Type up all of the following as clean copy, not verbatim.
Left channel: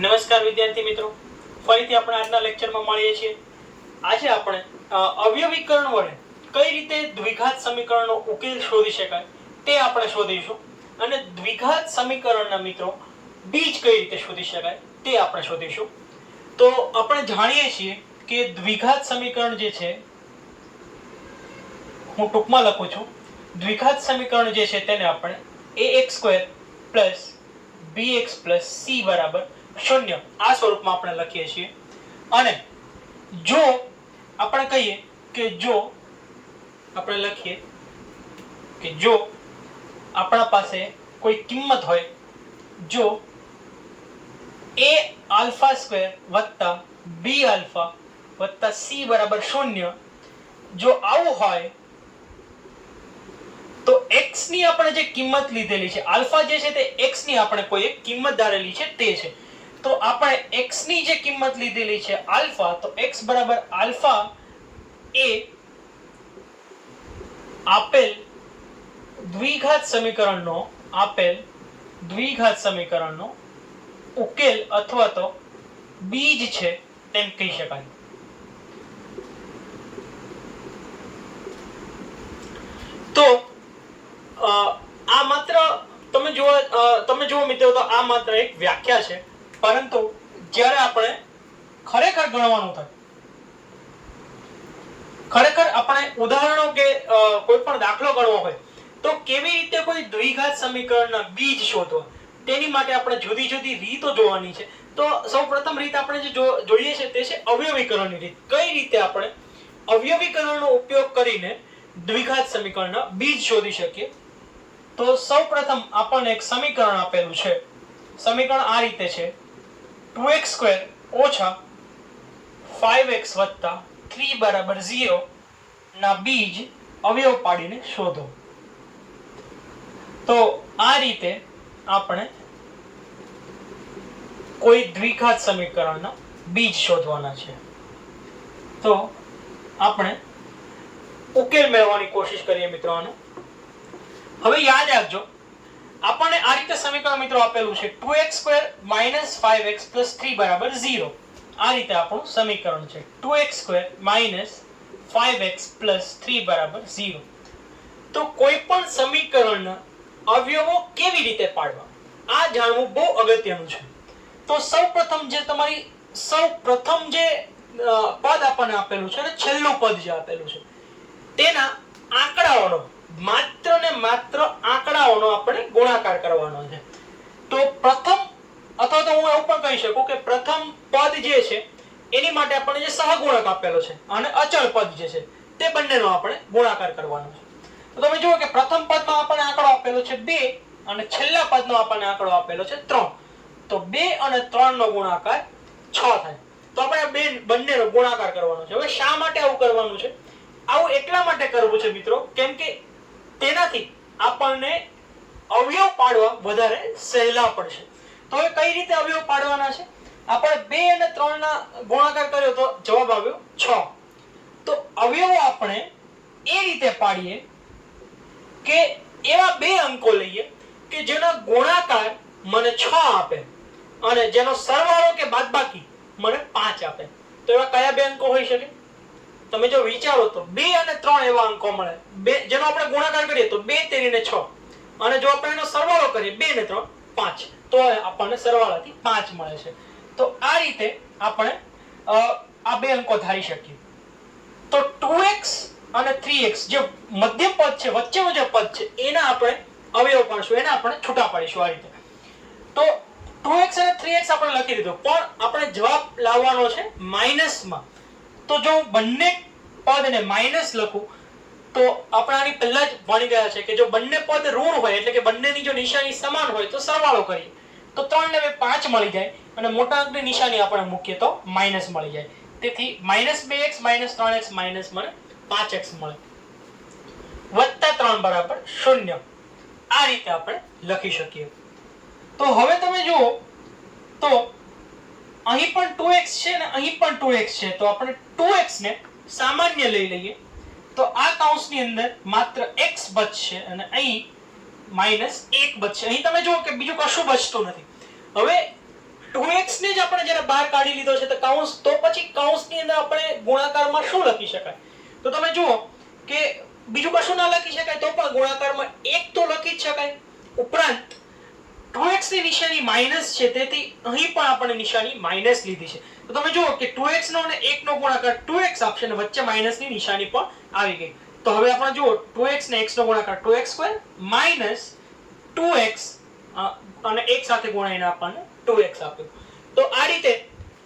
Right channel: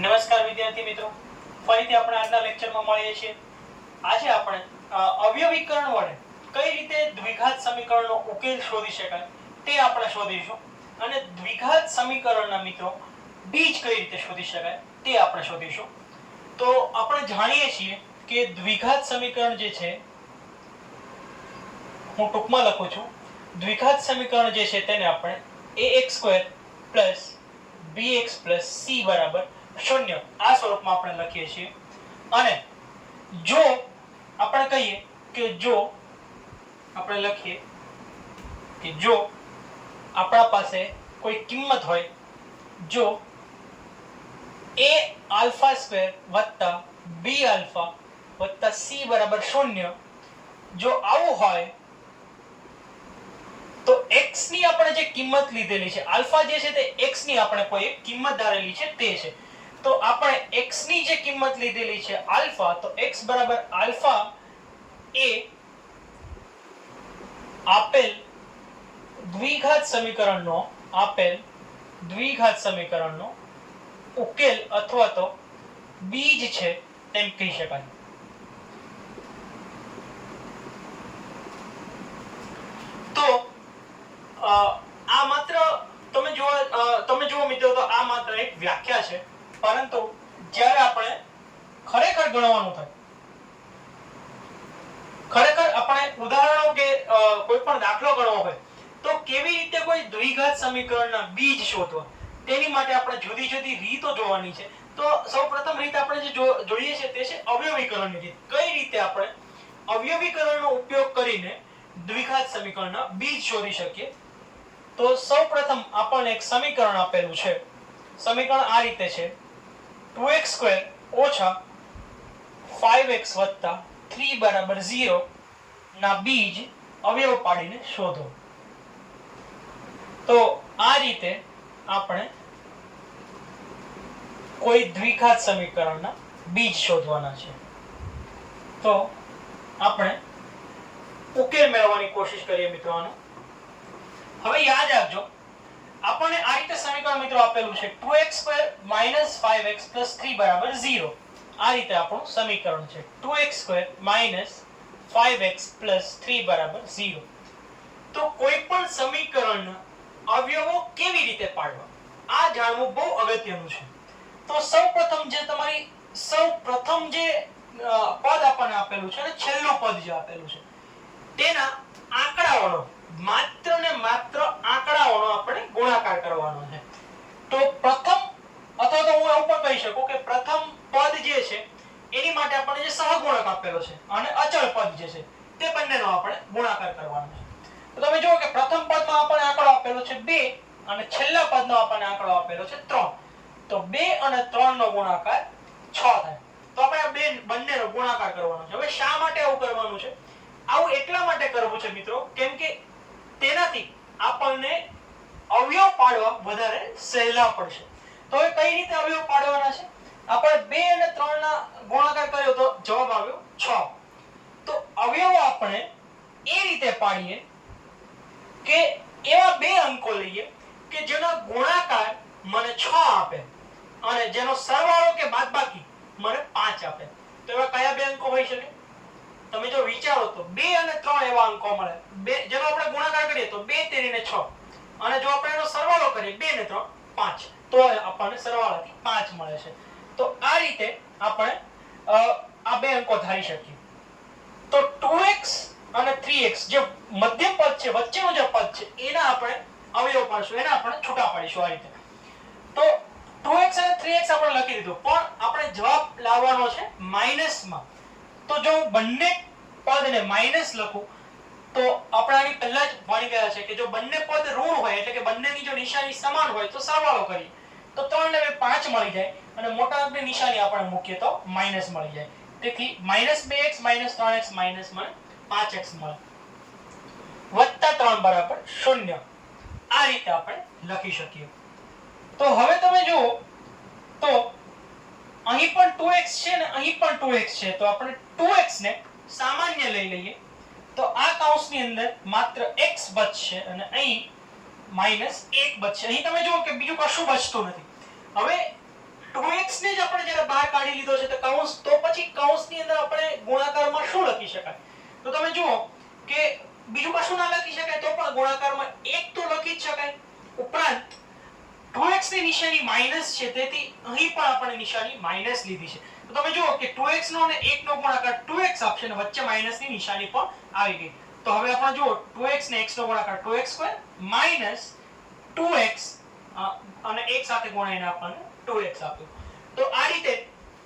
નમસ્કાર વિદ્યાર્થી મિત્રો, ફરીથી આપણે આજના લેક્ચરમાં મળીએ છીએ. આજે આપણે અવયવીકરણ વડે કઈ રીતે દ્વિઘાત સમીકરણનો ઉકેલ શોધી શકાય તે આપણે શોધીશું. અને દ્વિઘાત સમીકરણના મિત્રો બીજ કઈ રીતે શોધી શકાય તે આપણે શોધીશું. તો આપણે જાણીએ છીએ કે દ્વિઘાત સમીકરણ જે છે, હું ટૂંકમાં લખું છું, દ્વિઘાત સમીકરણ જે છે તેને આપણે ax² + bx + c બરાબર 0 આ સ્વરૂપમાં આપણે લખીએ છીએ. અને જો આપણે કહીએ કે જો આપણે લખીએ કે જો આપણા પાસે કોઈ કિંમત હોય, જો a⁴ + b⁴ + c બરાબર 0, જો આવું હોય તો x ની આપણે જે કિંમત લીધેલી છે, આલ્ફા જે છે તે x ની આપણે કોઈ એક કિંમત ધારેલી છે તે છે. તો આપણે x ની જે કિંમત લીધેલી છે આલ્ફા, તો x બરાબર આલ્ફા એ આપેલ દ્વિઘાત સમીકરણનો ઉકેલ અથવા તો બીજ છે તેમ કહી શકાય. તો આ માત્ર તમે જુઓ મિત્રો, તો આ માત્ર એક વ્યાખ્યા છે, પરંતુ જ્યારે આપણે ખરેખર ગણવાનું થાય, ખરેખર આપણે ઉદાહરણો કે કોઈ પણ દાખલો ગણવો હોય તો કેવી રીતે કોઈ દ્વિઘાત સમીકરણના બીજ શોધવા, તેની માટે આપણે જુદી જુદી રીતો જોવાની છે. તો સૌપ્રથમ રીત આપણે જે જોઈએ છે તે છે અવયવીકરણની રીત. કઈ રીતે આપણે અવયવીકરણનો ઉપયોગ કરીને દ્વિઘાત સમીકરણના બીજ શોધી શકીએ. તો સૌપ્રથમ આપણને એક સમીકરણ આપેલું છે. સમીકરણ આ રીતે છે: 2x² - 5x + 3 = 0 ના બીજ અવયવ પાડીને શોધો. તો આ રીતે આપણે કોઈ દ્વિઘાત સમીકરણના બીજ શોધવાના છે. તો આપણે ઉકેલ મેળવવાની કોશિશ કરીએ મિત્રો આનો. હવે યાદ રાખજો, આપણને આ રીતે સમીકરણ મિત્રો આપેલું છે: 2x² - 5x + 3 = 0. આ રીતે આપણું સમીકરણ છે, 2x² - 5x + 3 = 0. તો કોઈ પણ સમીકરણના અવયવો કેવી રીતે પાડવા, આ જાણવું બહુ અગત્યનું છે. તો સૌપ્રથમ જે પદ આપણને આપેલું છે અને છેલ્લું પદ જે આપેલું છે તેના આંકડાઓનો, માત્ર ને માત્ર આંકડાઓનો આપણે ગુણાકાર કરવાનો છે. તો પ્રથમ, અથવા તો હું એવું પણ કહી શકું કે પ્રથમ પદ જે છે એની માટે આપણને જે સહગુણક આપેલો છે અને અચળ પદ જે છે તે બંનેનો આપણે ગુણાકાર કરવાનો છે. તો તમે જુઓ કે પ્રથમ પદનો આપણને આંકડો આપેલો છે 2 અને છેલ્લા પદનો આપણને આંકડો આપેલો છે 3. તો 2 અને 3 નો ગુણાકાર 6 થાય. તો આપણે બંનેનો ગુણાકાર કરવાનો છે. હવે શા માટે આવું કરવાનું છે? આવું એટલા માટે કરવું છે મિત્રો, કેમ કે તેનાથી આપણને અવયવ પાડવા વધારે સહેલા પડશે. તો હવે કઈ રીતે અવયવ પાડવાના છે? આપણે 2 અને 3 ના ગુણાકાર કર્યો તો જવાબ આવ્યો 6. તો અવયવો આપણે એ રીતે પાડીએ કે એવા બે અંકો લઈએ કે જેનો ગુણાકાર મને 6 આપે અને જેનો સરવાળો કે બાદબાકી મને 5 આપે. તો એવા કયા બે અંકો હોઈ શકે? તમે જો વિચારો તો 2 અને 3 એવા અંકો મળે, જેનો આપણે ગુણાકાર કરીએ તો 2 તેરીને 6, અને જો આપણે એનો સરવાળો કરીએ 2 ને 3 5, તો આપણને સરવાળાથી 5 મળે છે. તો આ રીતે આપણે આ બે અંકો ધારી શકીએ. તો 2x અને 3x જે મધ્ય પદ છે, વચ્ચેનું જે પદ છે, એના આપણે અવયવ પાડશું, એને આપણે છૂટા પાડીશું આ રીતે. તો 2x અને 3x આપણે લખી દીધું, પણ આપણે જવાબ લાવવાનો છે માઈનસમાં. તો જો હું બંને પદને માઈનસ લખું તો આપણે આની પહેલા જ ભણી ગયા છે કે જો બંને પદ ઋણ હોય, એટલે કે બંનેની જો નિશાની સમાન હોય તો સરવાળો કરીએ તો 3 ને 5 મળી જાય, અને મોટા અંકની નિશાની આપણે મૂકીએ તો માઈનસ મળી જાય. તેથી -2x - 3x માઈનસ મને 5x મળે, +3 બરાબર 0. આ રીતે આપણે લખી શકીએ. તો હવે તમે જુઓ તો અહીં પણ 2x છે ને અહીં પણ 2x છે, તો આપણે 2x ને સામાન્ય લઈ લઈએ તો આ કૌંસની અંદર માત્ર x બચશે અને અહીં -1 બચશે. અહીં તમે જુઓ કે બીજું કશું બચતું નથી. હવે 2x ને જ આપણે જ્યારે બહાર કાઢી લીધો છે તો કૌંસ, તો પછી કૌંસની અંદર આપણે ગુણાકારમાં શું લખી શકાય? તો તમે જુઓ કે બીજું કશું ના લખી શકાય તો પણ ગુણાકારમાં 1 તો લખી જ શકાય. ઉપરાંત 2x ની નિશાની માઈનસ છે, તેથી અહીં પણ આપણે નિશાની માઈનસ લીધી છે. તો તમે જુઓ કે 2x નો અને 1 નો ગુણાકાર 2x આપશે અને વચ્ચે માઈનસ ની નિશાની પણ આવી ગઈ. તો હવે આપણે જુઓ 2x ને x નો ગુણાકાર 2x² માઈનસ 2x અને 1 સાથે ગુણાઈને આપણને 2x આપ્યું. તો આ રીતે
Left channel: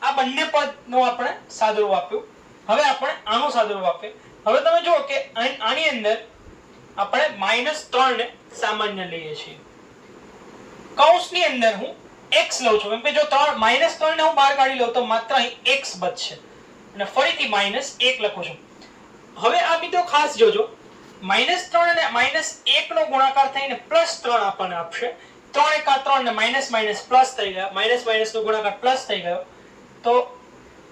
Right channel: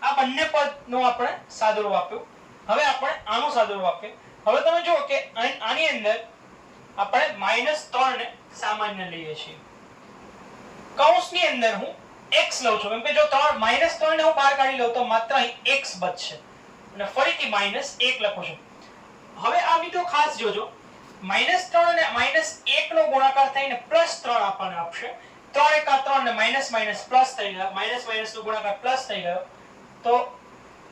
આ બંને પદનો આપણે સાદુરૂપ આપ્યું. હવે આપણે આનું સાદુરૂપ આપીએ. હવે તમે જુઓ કે આની અંદર આપણે -3 ને સામાન્ય લઈએ છીએ. કૌંસની અંદર હું x લઉં છું, કેમ કે જો -3 ને હું બહાર કાઢી લઉં તો માત્ર અહીં x બચશે અને ફરીથી -1 લખું છું. હવે આ મિત્રો ખાસ જોજો, -3 અને -1 નો ગુણાકાર થઈને +3 આપણને આપશે. 3 × 3 ને માઈનસ માઈનસ પ્લસ થઈ ગયા, માઈનસ માઈનસ નો ગુણાકાર પ્લસ થઈ ગયો. તો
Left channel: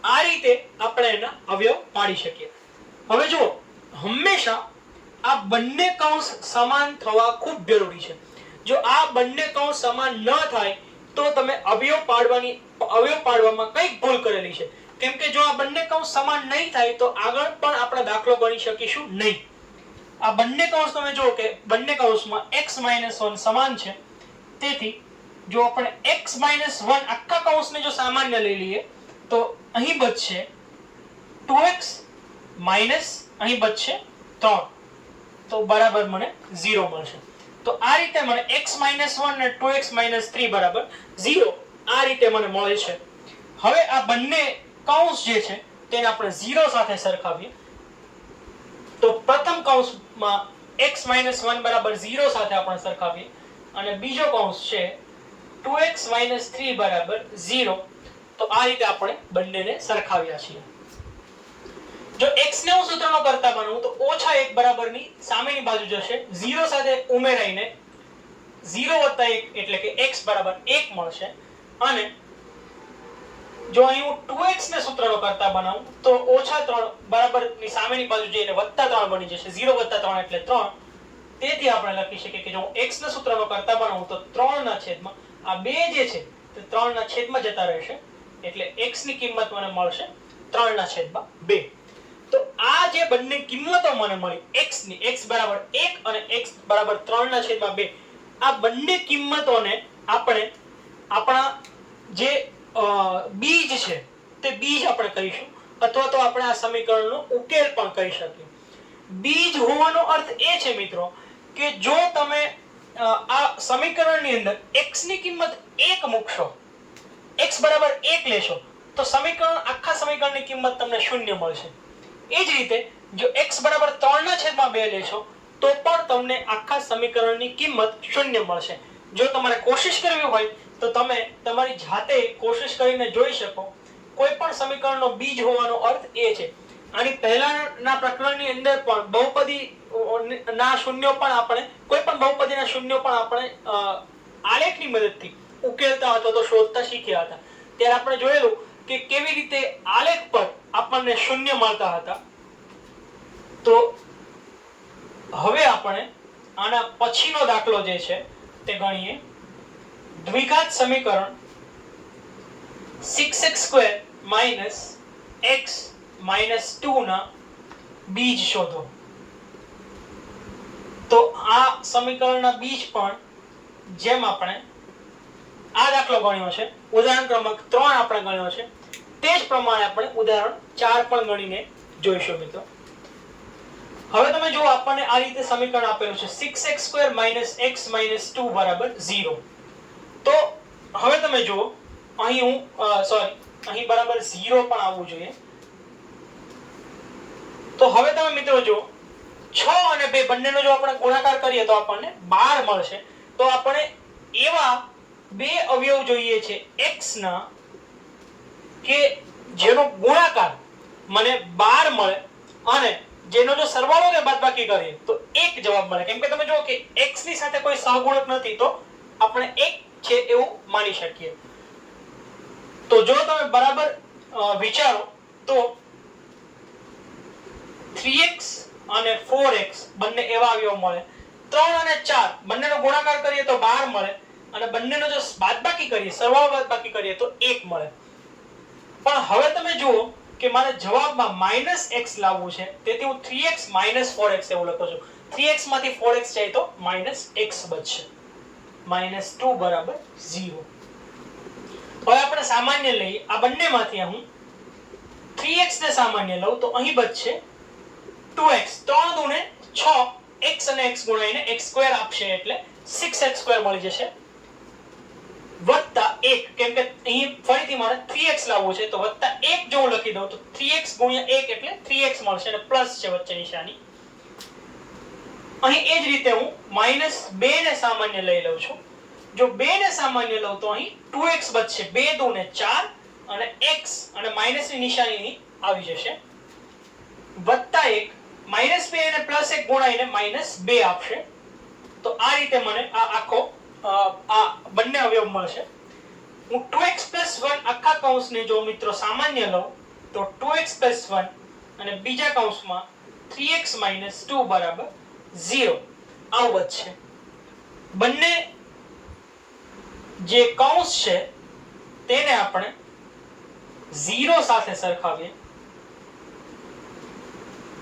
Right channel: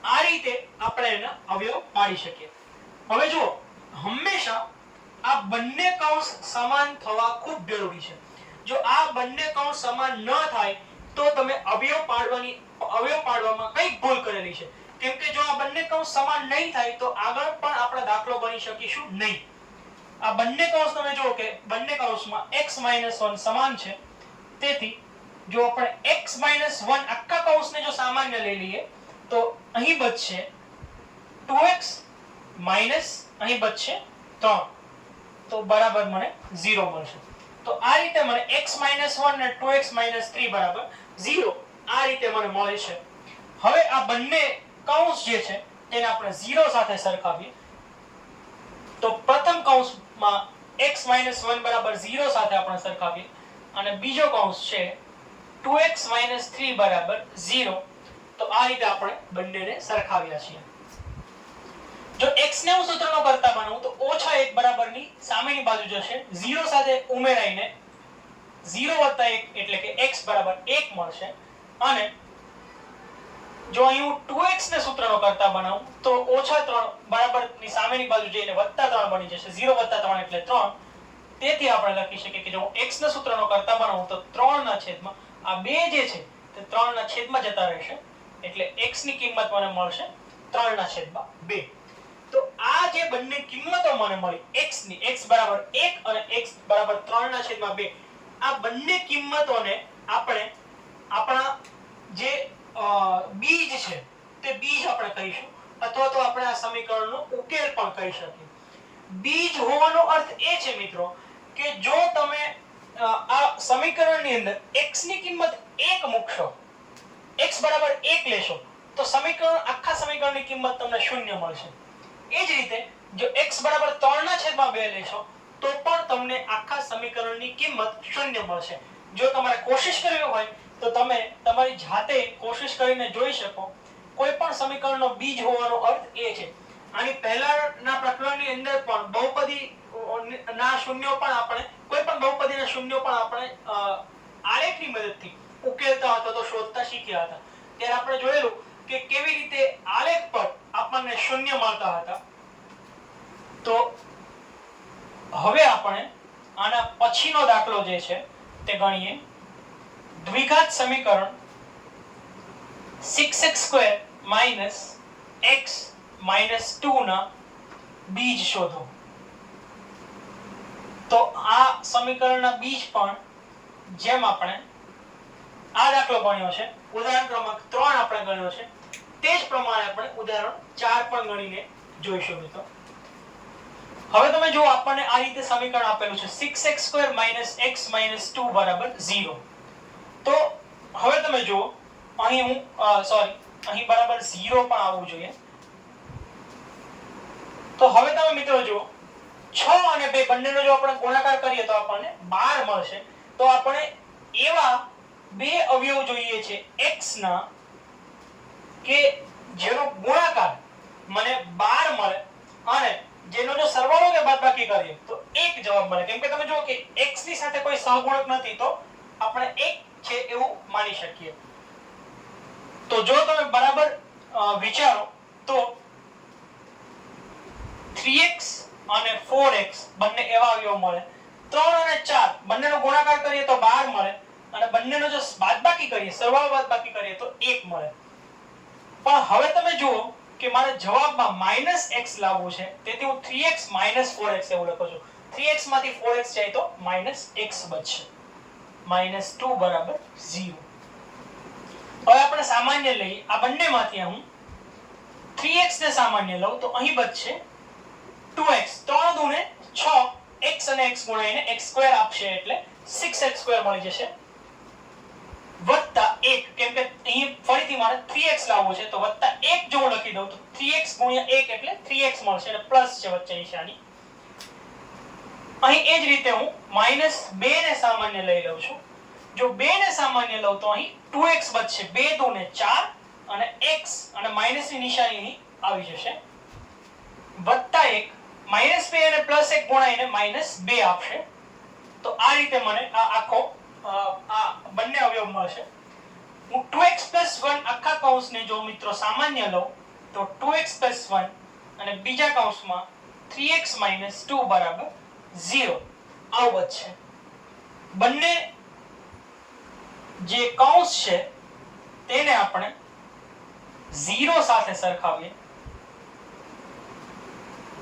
આ રીતે આપણે એના અવયવ પાડી શકીએ. હવે જુઓ, હંમેશા આ બંને કૌંસ સમાન થવા ખૂબ જરૂરી છે. જો આ બંને કૌંસ સમાન ન થાય તો તમે અવયવ પાડવામાં કંઈક ભૂલ કરેલી છે. કેમ કે જો આ બંને કૌંસ સમાન નહીં થાય તો આગળ પણ આપણે દાખલો ગણી શકીશું નહીં. આ બંને કૌંસ તમે જુઓ કે બંને કૌંસમાં x - 1 સમાન છે, તેથી જો આપણે x - 1 આખા કૌંસને જો સામાન્ય લઈ લઈએ તો અહીં બચશે 2x માઈનસ અહીં બચશે 3, તો બરાબર મને 0 મળશે. તો આ રીતે મને x - 1 અને 2x - 3 બરાબર 0 આ રીતે મને મળે છે. હવે આ બંને કૌંસ જે છે તેને આપણે 0 સાથે સરખાવીએ તો પ્રથમ કૌંસમાં x - 1 બરાબર 0 સાથે આપણે સરખાવીએ અને બીજો કૌંસ છે 2x - 3 બરાબર 0. તો આ રીતે આપણે બંનેને સરખાવ્યા છીએ. જો x ને હું સૂત્રનો કરતા બનાવું તો -1 બરાબરની સામેની બાજુ જશે, 0 સાથે ઉમેરાઈને 0 + 1 એટલે કે x બરાબર 1 મળશે. અને જો અહીં હું 2x ને સૂત્રનો કરતા બનાવું તો -3 બરાબરની સામેની બાજુ જઈને +3 બની જશે, 0 + 3 એટલે 3. તેથી આપણે લખી શકીએ કે જો હું x ના સૂત્રનો કરતા બનાવું તો 3 ના છેદમાં આ 2 જે છે તે 3 ના છેદમાં જતા રહેશે, એટલે x ની કિંમત મને મળશે 3 ના છેદમાં 2. તો આ જે બંને કિંમતો મને મળી x ની, x બરાબર 1 અને x બરાબર 3 ના છેદમાં 2, આ બંને કિંમતોને આપણે આપણા જે બીજ છે તે બીજ આપણે કહીશું, અથવા તો આપણે આ સમીકરણનો ઉકેલ પણ કહી શકીએ. બીજ હોવાનો અર્થ એ છે મિત્રો કે જો તમે આ સમીકરણની અંદર x ની કિંમત 1 મૂકશો, x બરાબર 1 લેશો તો આખા સમીકરણની કિંમત તમને 0 મળશે. એ જ રીતે જો x બરાબર 3 ના છેદમાં 2 લેશો તો પણ તમને આખા સમીકરણની કિંમત 0 મળશે. જો તમારે કોશિશ કરવી હોય તો તમે તમારી જાતે કોશિશ કરીને જોઈ શકો. કોઈ પણ સમીકરણનો બીજ હોવાનો અર્થ એ છે. આની પહેલાના પ્રકરણની અંદર પણ બહુપદી ના શૂન્યો પણ આપણે કોઈ પણ બહુપદીના શૂન્યો પણ આપણે આલેખની મદદથી ઉકેલતા હતા તો શોધતા શીખ્યા હતા. ત્યારે આપણે જોયેલું કે કેવી રીતે આલેખ પર આપણને શૂન્ય મળતા હતા. તો હવે આપણે આના પછીનો દાખલો જે છે તે ગણીએ. દ્વિઘાત સમીકરણ 6x² - x - 2 ના બીજ શોધો. તો આ સમીકરણના બીજ પણ જેમ આપણે આ દાખલો ગણ્યો છે, ઉદાહરણ ક્રમાંક 3 આપણે ગણ્યો છે, તે જ પ્રમાણે આપણે ઉદાહરણ 4 પણ ગણીને જોઈશું મિત્રો. હવે તમે જો આપણને આ રીતે સમીકરણ આપેલું છે 6x² - x - 2 બરાબર 0. તો હવે તમે જો અહીં અહીં બરાબર 0 પણ આવવું જોઈએ. તો હવે તમે મિત્રો જો 6 અને 2 બંનેનો જો આપણે ગુણાકાર કરીએ તો આપણને 12 મળશે. તો આપણે એવા બે અવયવ જોઈએ છે x ના કે જેનો ગુણાકાર મને 12 મળે અને જેનો જો સરવાળો કે બાદબાકી કરીએ તો 1 જવાબ મળે. કેમ કે તમે જુઓ કે x ની સાથે કોઈ સહગુણક નથી તો આપણે 1 છે એવું માની શકીએ. તો જો તમે બરાબર વિચારો તો 3x અને 4x બંને એવા અવયવ મળે. 3 અને 4 બંનેનો ગુણાકાર કરીએ તો 12 મળે. અને બંનેનો જો બાદબાકી કરીએ, સરવાળો બાદબાકી કરીએ તો 1 મળે. પણ હવે તમે જુઓ કે મારે જવાબમાં -x લાવવું છે, તેથી હું 3x - 4x એવું લખું છું. 3x માંથી 4x જાય તો -x બચશે. -2 બરાબર 0. હવે આપણે સામાન્ય લઈએ, આ બંનેમાંથી હું 3x ને સામાન્ય લઉં તો અહીં બચશે 2x. 3 દુને 6, x અને x ગુણાઈને x² આપશે એટલે 6x² મળી જશે. વત્તા 1, કેમ કે અહીં ફરીથી મારે 3x લાવવું છે, તો વત્તા 1 જો હું લખી દઉં તો 3x ગુણ્યા 1 એટલે 3x મળશે અને પ્લસ છે વચ્ચે નિશાની. અહીં એ જ રીતે હું -2 ને સામાન્ય લઈ લઉં છું. જો 2 ને સામાન્ય લઉં તો અહીં 2x બચશે. 2 દુને 4 અને x અને માઈનસ ની નિશાની અહીં આવી જશે. વત્તા 1, -2 અને +1 ગુણાઈને -2 આપશે. તો આ રીતે મને આ આખો આ બંને અવયવ મળશે. હું 2x + 1 આખા કૌંસને જો મિત્રો સામાન્ય લઉં તો 2x + 1 અને બીજા કૌંસમાં 3x - 2 બરાબર 0 આવું બચશે. બંને જે કૌંસ છે તેને આપણે 0 સાથે સરખાવીએ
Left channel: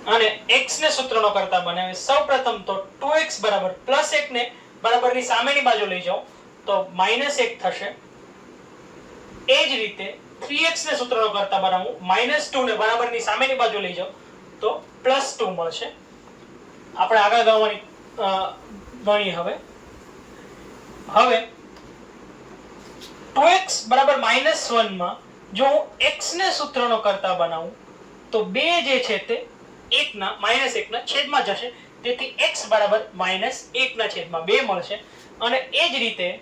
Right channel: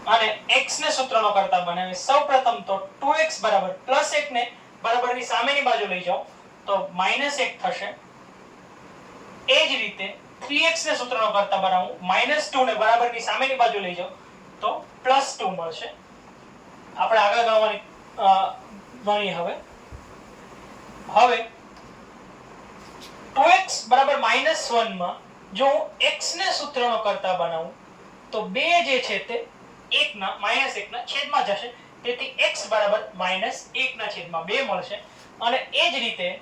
અને x ને સૂત્રનો કરતા બનાવીએ. સૌપ્રથમ તો 2x બરાબર +1 ને બરાબરની સામેની બાજુ લઈ જાઓ તો -1 થશે. એ જ રીતે 3x ને સૂત્રનો કરતા બનાવું, -2 ને બરાબરની સામેની બાજુ લઈ જાઓ તો +2 મળશે. આપણે આગળ ગણીએ. હવે 2x બરાબર -1 માં જો હું x ને સૂત્રનો કરતા બનાવું તો 2 જે છે તે -1 ના છેદમાં જશે, તેથી x બરાબર -1 ના છેદમાં 2 મળશે. અને એ જ રીતે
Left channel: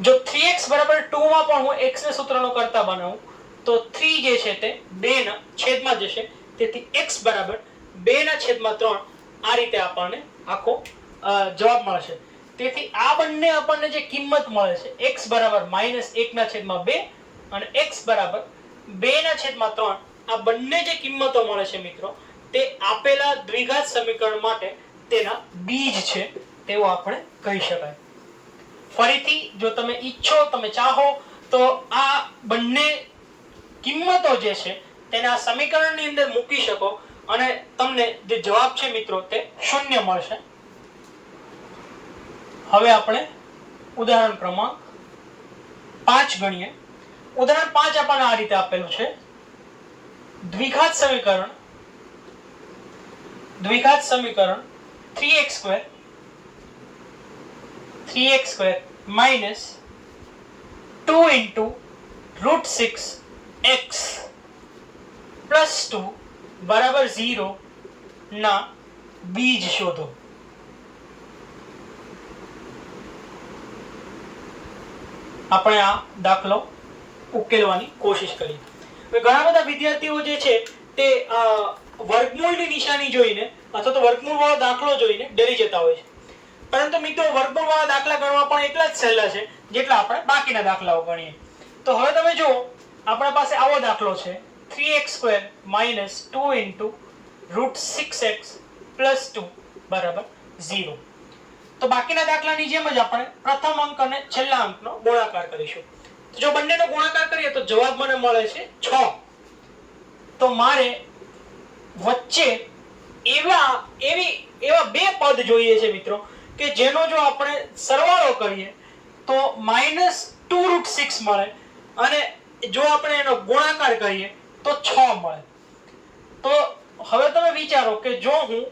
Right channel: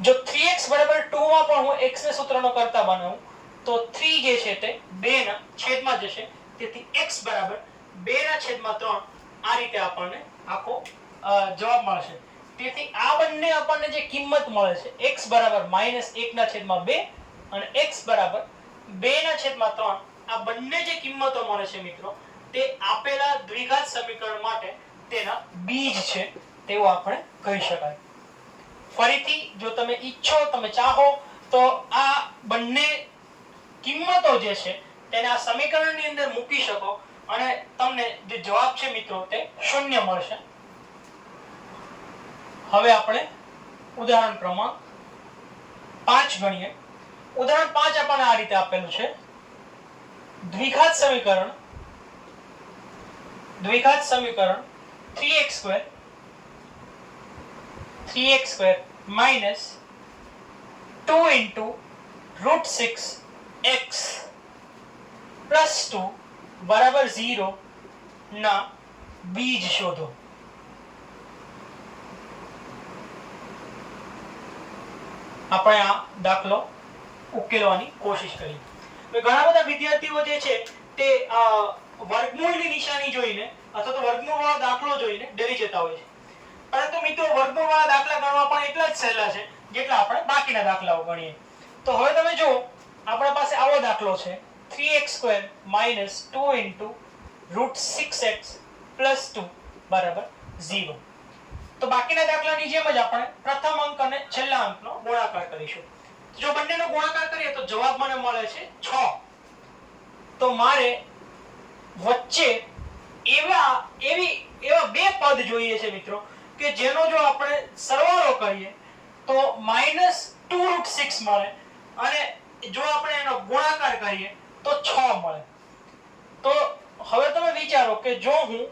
જો 3x બરાબર 2 માં પણ હું x ને સૂત્રનો કરતા બનાવું તો 3 જે છે તે 2 ના છેદમાં જશે, તેથી x બરાબર 2 ના છેદમાં 3. આ રીતે આપણને આખો જવાબ મળશે. તેથી આ બંને આપણને જે કિંમત મળે છે x બરાબર -1 ના છેદમાં 2 અને x બરાબર 2 ના છેદમાં 3, આ બંને જે કિંમતો મળે છે મિત્રો તે આપેલા દ્વિઘાત સમીકરણ માટે તેના બીજ છે તેવું આપણે કહી શકાય. ફરીથી જો તમે ઈચ્છો, તમે ચાહો તો આ બંને કિંમતો જે છે તેને આ સમીકરણની અંદર મૂકી શકો અને તમને જે જવાબ છે મિત્રો તે 0 મળશે. હવે આપણે ઉદાહરણ ક્રમાંક 5 ગણીએ. ઉદાહરણ 5 આપણને આ રીતે આપેલું છે. દ્વિઘાત સમીકરણ 3x² - 2 × √6x + 2 બરાબર 0 ના બીજ શોધો. આપણે આ દાખલો ઉકેલવાની કોશિશ કરી. ઘણા બધા વિદ્યાર્થીઓ જે છે તે વર્ગમૂળની નિશાની જોઈને અથવા તો વર્ગમૂળ વાળો દાખલો જોઈને ડરી જતા હોય છે. પરંતુ મિત્રો વર્ગમૂળ વાળા દાખલા ગણવા પણ એટલા જ સહેલા છે જેટલા આપણે બાકીના દાખલાઓ ગણીએ. તો હવે તમે જુઓ, આપણા પાસે આવો દાખલો છે 3x² - 2 × √6x + 2 બરાબર 0. તો બાકીના દાખલાની જેમ જ આપણે પ્રથમ અંક અને છેલ્લા અંકનો ગુણાકાર કરીશું. જો બંનેનો ગુણાકાર કરીએ તો જવાબ મને મળે છે 6. તો મારે વચ્ચે એવા બે પદ જોઈએ છે મિત્રો કે જેનો જો આપણે સરવાળો કરીએ તો -2√6 મળે અને જો આપણે એનો ગુણાકાર કરીએ તો 6 મળે. તો હવે તમે વિચારો કે જો હું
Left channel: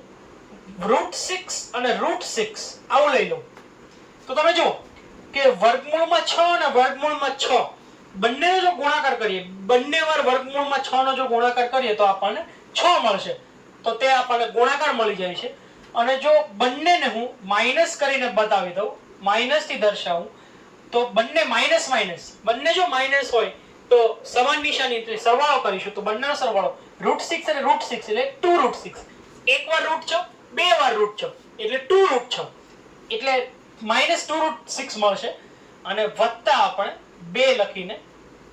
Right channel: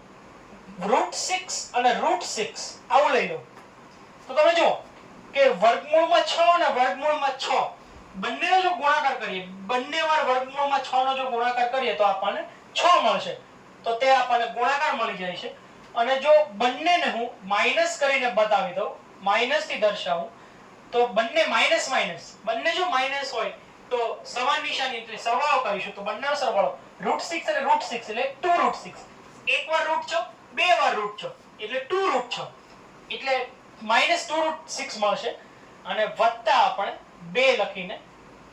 √6 અને √6 આવું લઈ લઉં તો તમે જુઓ કે વર્ગમૂળમાં 6 અને વર્ગમૂળમાં 6 બંનેનો જો ગુણાકાર કરીએ, બંને વાર વર્ગમૂળમાં 6 નો જો ગુણાકાર કરીએ તો આપણને 6 મળશે. તો તે આપણને ગુણાકાર મળી જાય છે. અને જો બંનેને હું માઈનસ કરીને બતાવી દઉં, માઈનસ થી દર્શાવું તો બંને બંને જો માઈનસ હોય તો સમાન નિશાની સરવાળો કરીશું તો બંનેનો સરવાળો √6 અને √6 એટલે 2√6. એક વાર √6, બે વાર √6 એટલે 2√6 એટલે -2√6 મળશે અને વત્તા આપણે 2 લખીને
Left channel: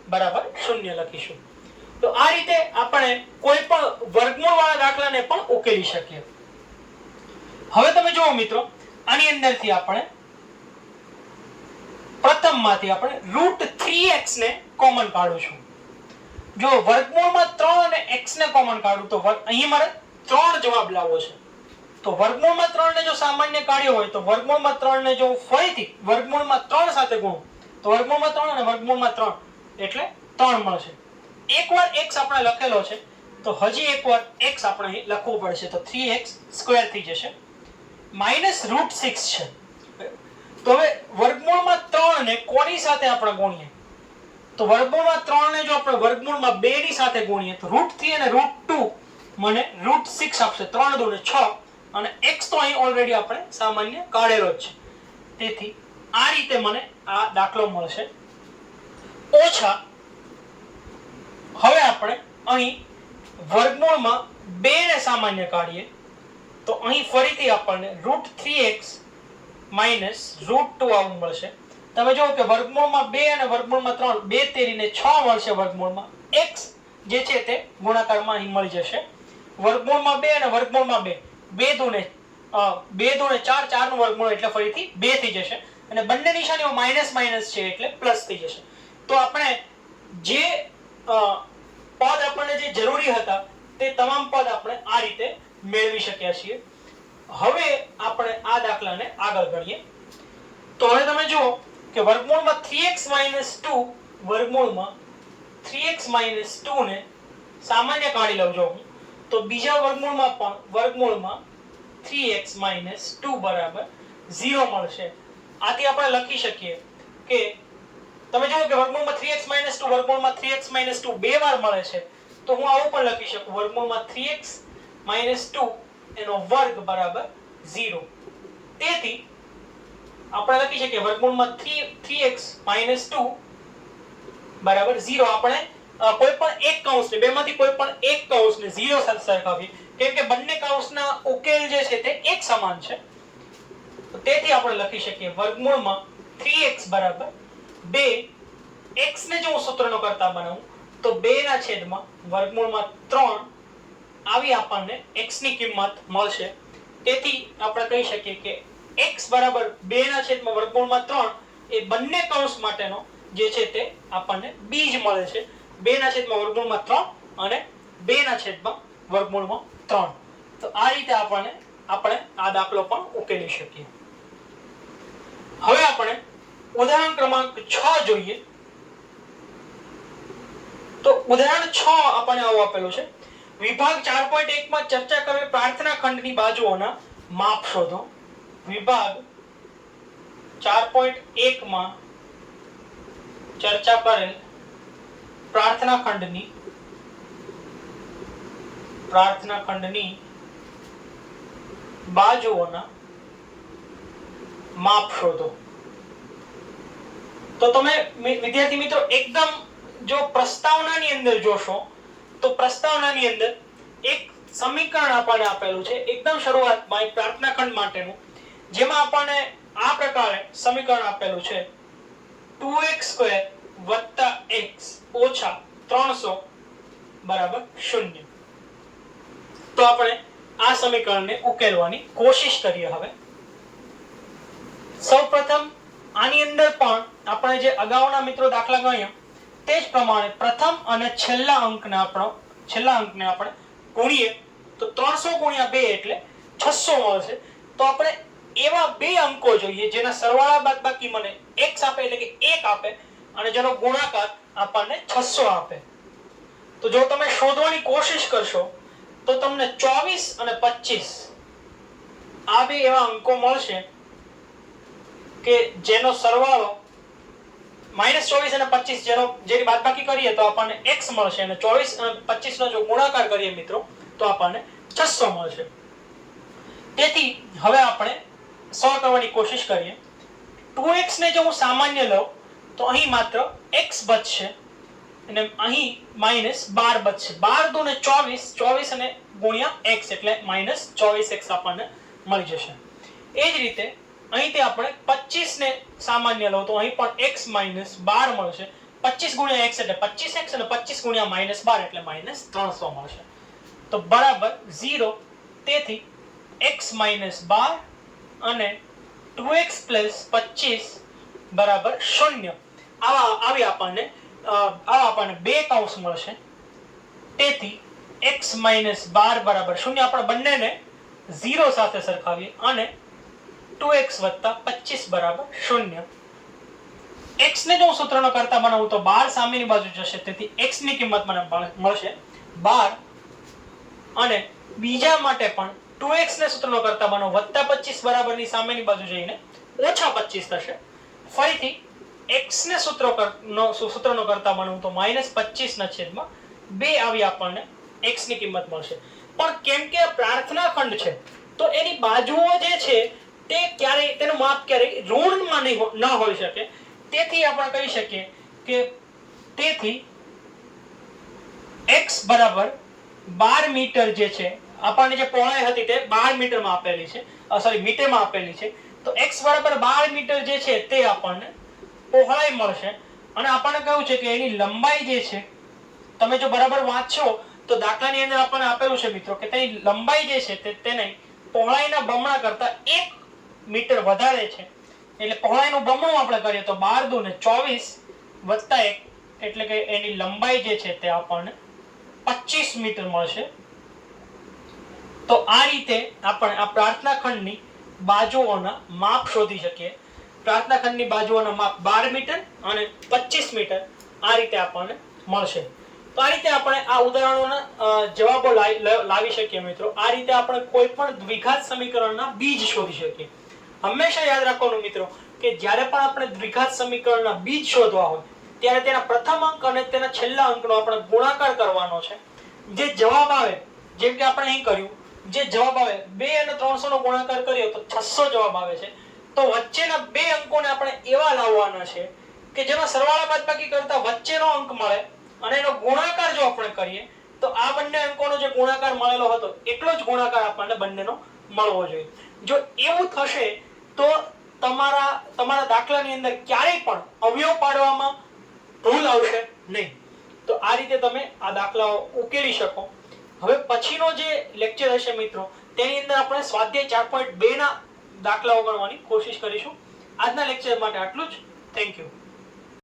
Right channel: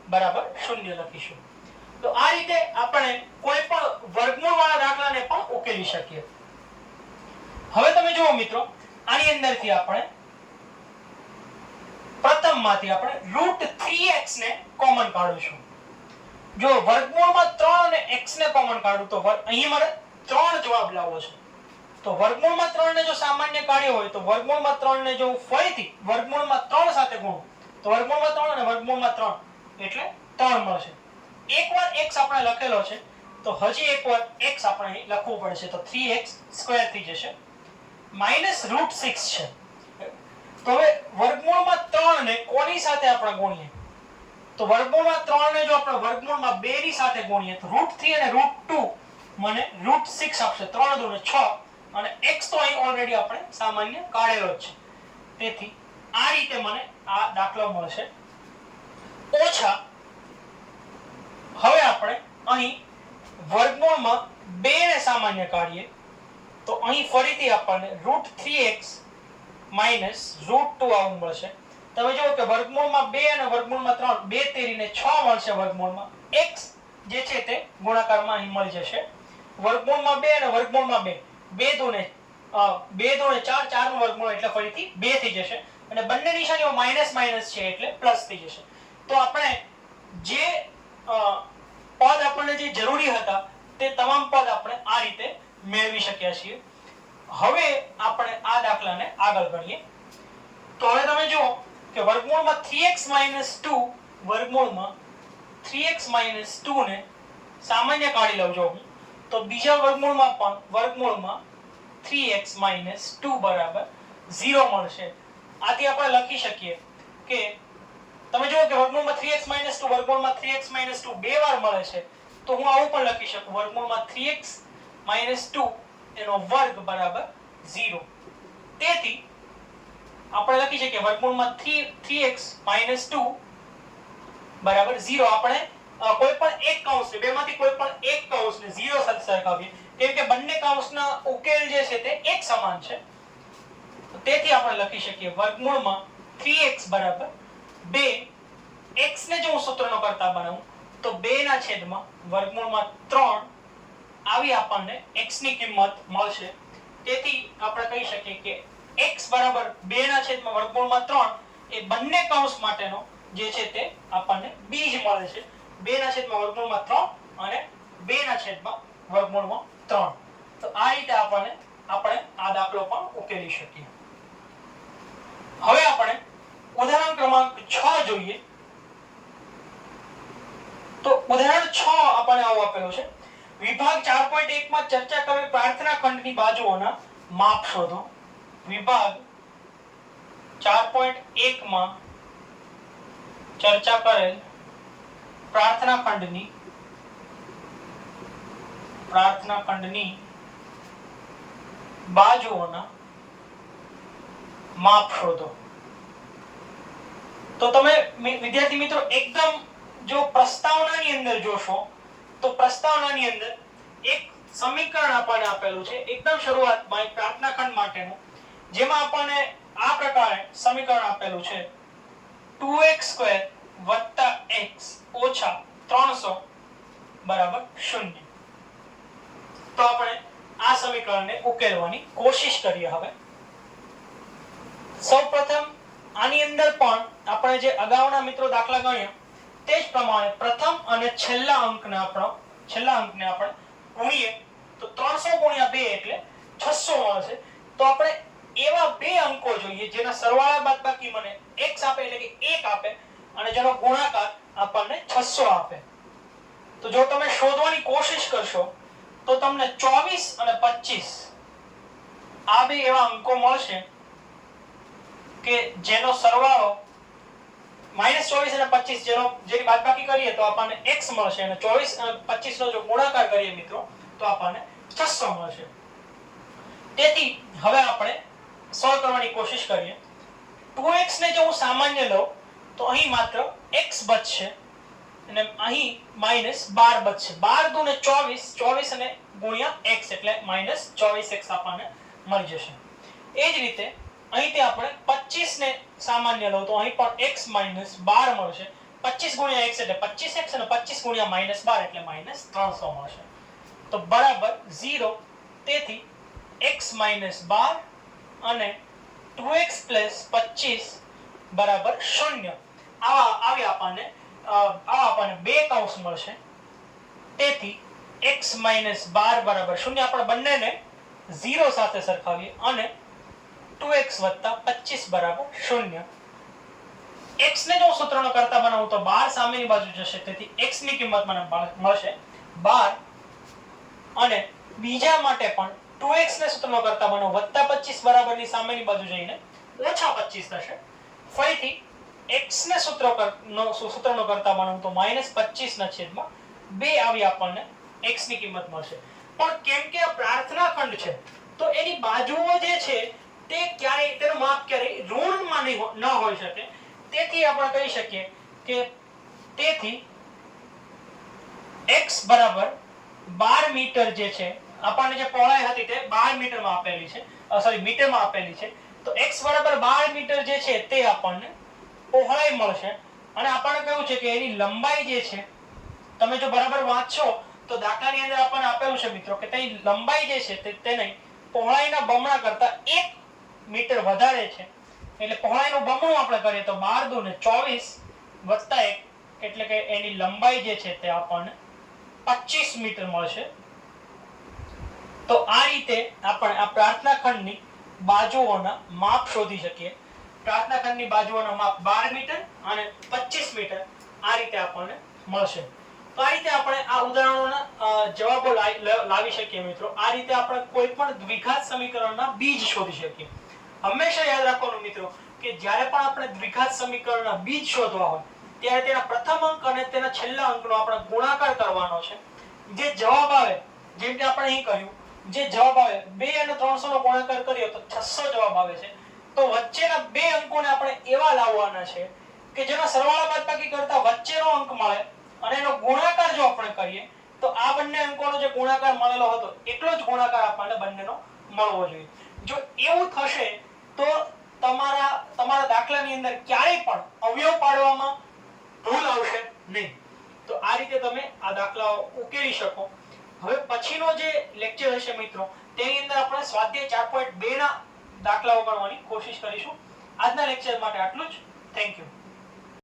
બરાબર 0 લખીશું. તો આ રીતે આપણે કોઈ પણ વર્ગમૂળ વાળા દાખલાને પણ ઉકેલી શકીએ. હવે તમે જુઓ મિત્રો, આની અંદરથી આપણે પ્રથમમાંથી આપણે √3x ને કોમન કાઢું છું. જો વર્ગમૂળમાં 3 અને x ને કોમન કાઢું તો અહીં મારે 3 જવાબ લાવવો છે. તો વર્ગમૂળમાં 3 ને જો સામાન્ય કાઢ્યો હોય તો વર્ગમૂળમાં 3 ને જો હું ફરીથી વર્ગમૂળમાં 3 સાથે ગુણું તો વર્ગમૂળમાં 3 અને વર્ગમૂળમાં 3 એટલે 3 મળશે. એકવાર x આપણે લખેલો છે તો હજી એકવાર x આપણે અહીં લખવું પડશે તો 3x² થઈ જશે -√6 છે. તો હવે વર્ગમૂળમાં 3 ને કોની સાથે આપણે ગુણીએ તો વર્ગમૂળમાં 3 ને જો આપણે વર્ગમૂળમાં 2 ની સાથે ગુણીએ તો √3 અને √2 મને √6 આપશે. 3 × 2 = 6 અને x તો અહીં ઓલરેડી આપણે સામાન્ય કાઢેલો જ છે. તેથી આ રીતે મને આ દાખલો મળશે. ઓછા હવે આપણે અહીં વર્ગમૂળમાં 2 ને સામાન્ય કાઢીએ તો અહીં ફરીથી આપણને √3x -√2 આવું મળશે. તમે જો કે વર્ગમૂળમાં 2 અને વર્ગમૂળમાં 3 2 તેરીને 6 મળશે. વર્ગમૂળમાં x જે છે તે ગુણાકારમાં અહીં મળી જશે. વર્ગમૂળમાં 2 અને વર્ગમૂળમાં 2 2 દુને 4 4 નું વર્ગમૂળ એટલે ફરીથી 2 થઈ જશે અને બંને નિશાનીઓ માઈનસ માઈનસ છે એટલે પ્લસ થઈ જશે. તો આપણે જે પદ આપણને જે જરૂરી હતા તે તમામ પદ આપણે આ રીતે મેળવી શક્યા છીએ. હવે આપણે આ દાખલાને આગળ ગણીએ. તો હવે તમે જુઓ કે વર્ગમૂળમાં 3x - 2 વર્ગમૂળમાં 3x - 2 ને સામાન્ય કાઢી લઉં જો હું તો બીજા વર્ગમૂળમાં પણ વર્ગમૂળમાં 3x - 2 બરાબર 0 મળશે. આથી આપણે લખી શકીએ કે તમે જુઓ કે વર્ગમૂળમાં 3x - 2 વર્ગમૂળમાં 3x - 2 બે વાર મળે છે તો હું આવું પણ લખી શકું વર્ગમૂળમાં 3x - 2 એનો વર્ગ બરાબર 0. તેથી આપણે લખી શકીએ વર્ગમૂળમાં 3x - 2 બરાબર 0. આપણે કોઈ પણ એક કૌંસને બેમાંથી કોઈ પણ એક કૌંસને 0 સાથે સરખાવીએ કેમ કે બંને કૌંસના ઉકેલ જે છે તે એક સમાન છે. તેથી આપણે લખી શકીએ વર્ગમૂળમાં 3x બરાબર 2. x ને જો હું સૂત્રનો કરતા બનાવું તો 2 ના છેદમાં વર્ગમૂળમાં 3 આવી આપણને x ની કિંમત મળશે. તેથી આપણે કહી શકીએ કે x બરાબર 2 ના છેદમાં વર્ગમૂળમાં 3 એ બંને કૌંસ માટેનો જે છે તે આપણને બીજ મળે છે. 2 ના છેદમાં વર્ગમૂળમાં 3 અને 2 ના છેદમાં વર્ગમૂળમાં 3. તો આ રીતે આપણે આ દાખલો પણ ઉકેલી શકીએ. હવે આપણે ઉદાહરણ ક્રમાંક 6 જોઈએ. તો ઉદાહરણ 6 આપણને આવું આપેલું છે. વિભાગ 4.1 માં ચર્ચા કરેલ પ્રાર્થના ખંડની બાજુઓના માપ શોધો. વિભાગ 4.1 માં ચર્ચા કરેલ પ્રાર્થના ખંડની બાજુઓના માપ શોધો. તો તમે વિદ્યાર્થી મિત્રો એકદમ જો પ્રસ્તાવનાની અંદર જોશો તો પ્રસ્તાવનાની અંદર એક સમીકરણ આપણને આપેલું છે એકદમ શરૂઆતમાં એક પ્રાર્થના ખંડ માટેનું, જેમાં આપણને આ પ્રકારે સમીકરણ આપેલું છે 2x² + x - 300 બરાબર 0. તો આપણે આ સમીકરણને ઉકેલવાની કોશિશ કરીએ. હવે સૌપ્રથમ આની અંદર પણ આપણે જે અગાઉના મિત્રો દાખલા ગણ્યા તે જ પ્રમાણે પ્રથમ અને છેલ્લા અંકને આપણે ગુણીએ તો 300 × 2 એટલે 600 મળશે. તો આપણે એવા બે અંકો જોઈએ જેના સરવાળા બાદબાકી મને x આપે એટલે કે 1 આપે અને જેનો ગુણાકાર આપણને 600 આપે. તો જો તમે શોધવાની કોશિશ કરશો તો તમને 24 અને 25 આ બે એવા અંકો મળશે કે જેનો સરવાળો -24 અને 25 જેની બાદબાકી કરીએ તો આપણને x મળશે અને 24 અને 25 નો જો ગુણાકાર કરીએ મિત્રો તો આપણને 600 મળશે. તેથી હવે આપણે સોલ્વ કરવાની કોશિશ કરીએ. 2x ને જો હું સામાન્ય લઉં તો અહીં માત્ર x બચશે અને અહીં -12 બચશે. 12 દુને 24 24 અને ગુણ્યા x એટલે -24x આપણને મળી જશે. એ જ રીતે અહીંથી આપણે 25 ને સામાન્ય લઉં તો અહીં પણ x - 12 મળશે. 25 × x એટલે 25x અને 25 × -12 એટલે -300 મળશે. તો બરાબર 0. તેથી x - 12 અને 2x + 25 બરાબર 0 આવી આપણને બે કૌંસ મળશે. તેથી x - 12 બરાબર 0 આપણે બંનેને 0 સાથે સરખાવીએ અને 2x + 25 બરાબર 0. x ને જો સૂત્રનો કરતા બનાવું તો 12 સામેની બાજુ જશે, તેથી x ની કિંમત મને મળશે 12. અને બીજા માટે પણ 2x ને સૂત્રનો કરતા બનાવું +25 બરાબરની સામેની બાજુ જઈને -25 થશે. ફરીથી x ને સૂત્રનો કરતા બનાવું તો -25/2 આવી આપણને x ની કિંમત મળશે. પણ કેમ કે આ પ્રાર્થના ખંડ છે તો એની બાજુઓ જે છે તે ક્યારેય તેનું માપ ક્યારેય ઋણમાં ન હોઈ શકે. તેથી આપણે કહી શકીએ કે તેથી x બરાબર 12 મીટર જે છે, આપણને જે પહોળાઈ હતી તે 12 મીટરમાં આપેલી છે, મીટરમાં આપેલી છે. તો x બરાબર 12 મીટર જે છે તે આપણને પહોળાઈ મળશે. અને આપણને કહ્યું છે કે એની લંબાઈ જે છે, તમે જો બરાબર વાંચશો તો દાખલાની અંદર આપણને આપેલું છે મિત્રો કે તેની લંબાઈ જે છે તે તેની પહોળાઈના બમણા કરતા 1 મીટર વધારે છે. એટલે પહોળાઈનું બમણું આપણે કરીએ તો 12 દુ 24 વત્તા 1 એટલે કે એની લંબાઈ જે છે તે આપણને 25 મીટર મળશે. તો આ રીતે આપણે આ પ્રાર્થના ખંડની બાજુઓના માપ શોધી શકીએ. પ્રાર્થના ખંડની બાજુઓના માપ 12 મીટર અને 25 મીટર આ રીતે આપણને મળશે. તો આ રીતે આપણે આ ઉદાહરણોના જવાબો લાવી શકીએ મિત્રો. આ રીતે આપણે કોઈ પણ દ્વિઘાત સમીકરણના બીજ શોધી શકીએ. હંમેશા યાદ રાખવાનું મિત્રો કે જ્યારે પણ આપણે દ્વિઘાત સમીકરણના બીજ શોધવા હોય ત્યારે તેના પ્રથમ અંક અને તેના છેલ્લા અંકનો આપણે ગુણાકાર કરવાનો છે. જે જવાબ આવે, જેમ કે આપણે અહીં કર્યું, જે જવાબ આવે 2 અને 300 નો ગુણાકાર કરીએ તો 600 જવાબ આવે છે. તો વચ્ચેના બે અંકોને આપણે એવા લાવવાના છે કે જેમાં સરવાળા બાદબાકી કરતા વચ્ચેનો અંક મળે અને એનો ગુણાકાર જો આપણે કરીએ તો આ બંને અંકોનો જે ગુણાકાર મળેલો હતો એટલો જ ગુણાકાર આપણને બંનેનો મળવો જોઈએ. જો એવું થશે તો તમારા દાખલાની અંદર ક્યારેય પણ અવયવ પાડવામાં ભૂલ આવશે નહીં. તો આ રીતે તમે આ દાખલાઓ ઉકેલી શકો. હવે પછીનો જે લેક્ચર હશે મિત્રો તેની અંદર આપણે સ્વાધ્યાય 4.2 ના દાખલાઓ ગણવાની કોશિશ કરીશું. આજના લેક્ચર માટે આટલું જ. Thank you.